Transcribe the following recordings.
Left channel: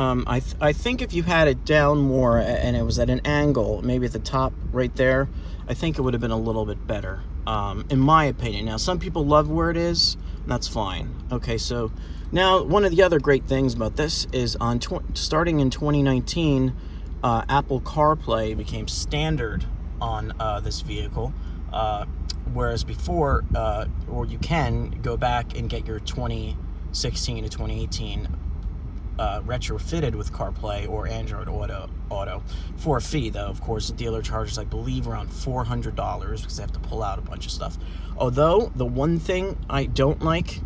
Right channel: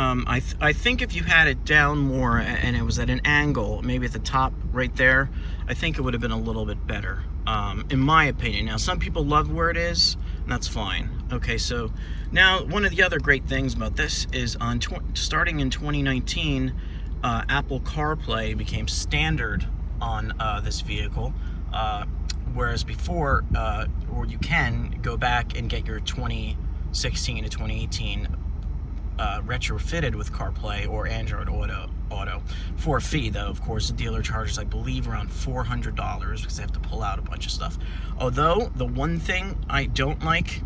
I think if you had it down more and it was at an angle, maybe at the top right there, I think it would have been a little bit better, in my opinion. Now, some people love where it is, and that's fine. Okay, so now one of the other great things about this is starting in 2019, Apple CarPlay became standard on this vehicle, whereas before, or you can go back and get your 2016 to 2018 retrofitted with CarPlay or Android Auto for a fee, though. Of course, the dealer charges, I believe, around $400 because they have to pull out a bunch of stuff. Although, the one thing I don't like,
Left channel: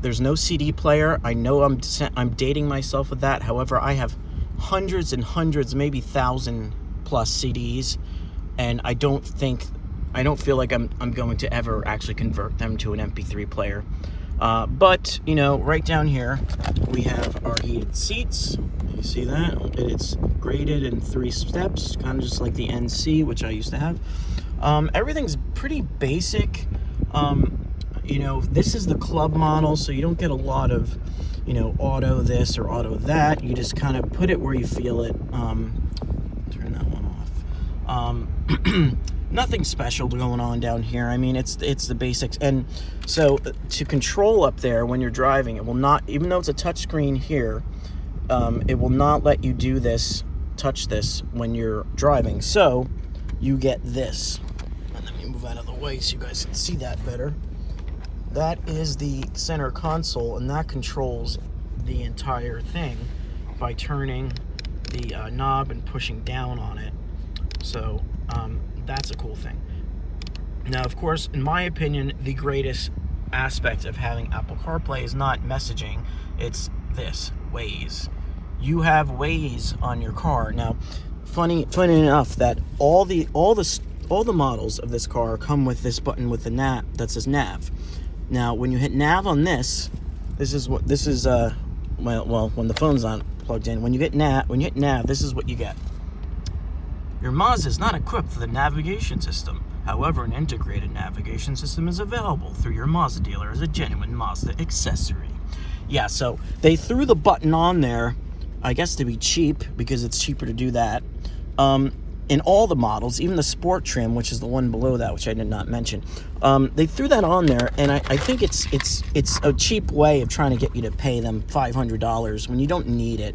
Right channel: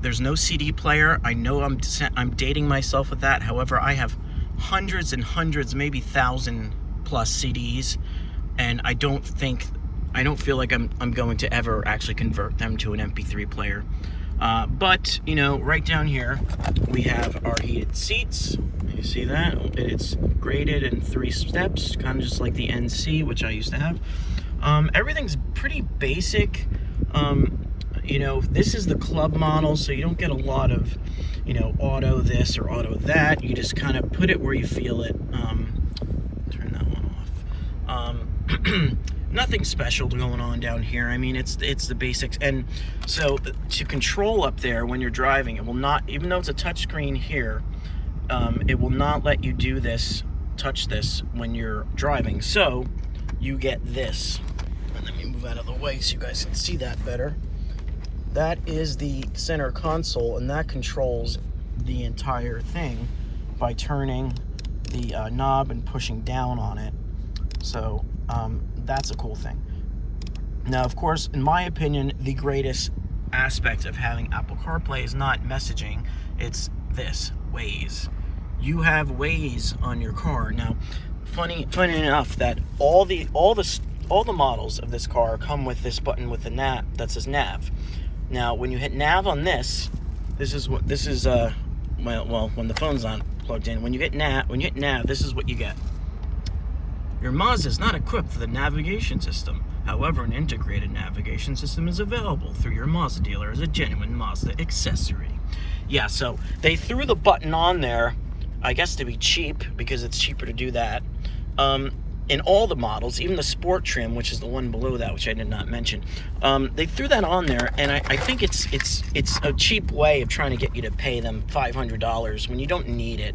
there's no CD player. I know I'm dating myself with that. However, I have hundreds and hundreds, maybe 1,000 plus CDs, and I don't feel like I'm going to ever actually convert them to an MP3 player. But, you know, right down here, we have our heated seats. You see that? It's graded in 3 steps, kind of just like the NC, which I used to have. Everything's pretty basic. You know, this is the club model, so you don't get a lot of, you know, auto this or auto that. You just kind of put it where you feel it. Turn that one off. Nothing special going on down here. I mean, it's the basics. And so to control up there when you're driving, it will not, even though it's a touch screen here, it will not let you do this, touch this when you're driving. So you get this. And let me move out of the way so you guys can see that better. That is the center console, and that controls the entire thing by turning the knob and pushing down on it. So that's a cool thing. Now, of course, in my opinion, the greatest aspect of having Apple CarPlay is not messaging, it's this, Waze. You have Waze on your car. Now, funny enough that all the models of this car come with this button with the nav that says nav. Now, when you hit nav on this is well, when the phone's not plugged in, when you hit nav, this is what you get. Your Mazda is not equipped for the navigation system. However, an integrated navigation system is available through your Mazda dealer as a genuine Mazda accessory. Yeah, so they threw the button on there, I guess to be cheap, because it's cheaper to do that. In all the models, even the Sport trim, which is the one below that, which I did not mention, they threw that on there, and I think it's a cheap way of trying to get you to pay them $500 when you don't need it.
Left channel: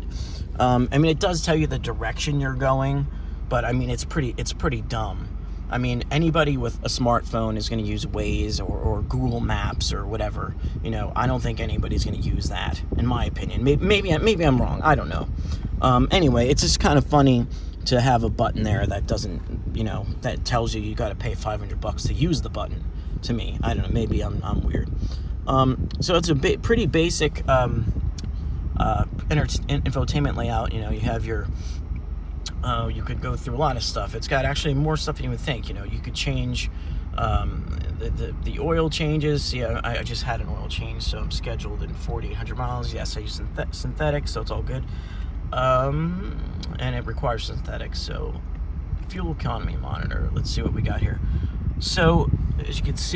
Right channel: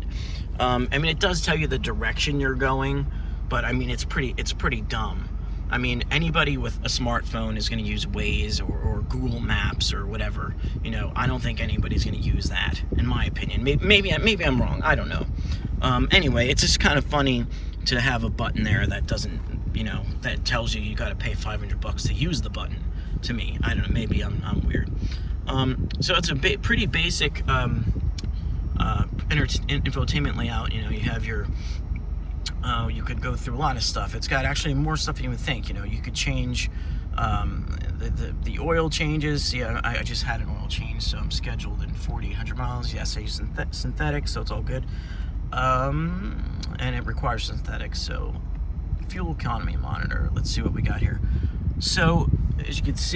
I mean, it does tell you the direction you're going, but I mean, it's pretty dumb. I mean, anybody with a smartphone is going to use Waze or Google Maps or whatever. You know, I don't think anybody's going to use that, in my opinion. Maybe I'm wrong. I don't know. Anyway, it's just kind of funny to have a button there that doesn't, you know, that tells you got to pay $500 to use the button. To me, I don't know. Maybe I'm weird. So it's a pretty basic infotainment layout. You know, you have your you could go through a lot of stuff. It's got actually more stuff than you would think. You know, you could change the oil changes. See, I just had an oil change, so I'm scheduled in 4,800 miles. Yes, I use synthetic, so it's all good. And it requires synthetic. So fuel economy monitor. Let's see what we got here. So as you can see,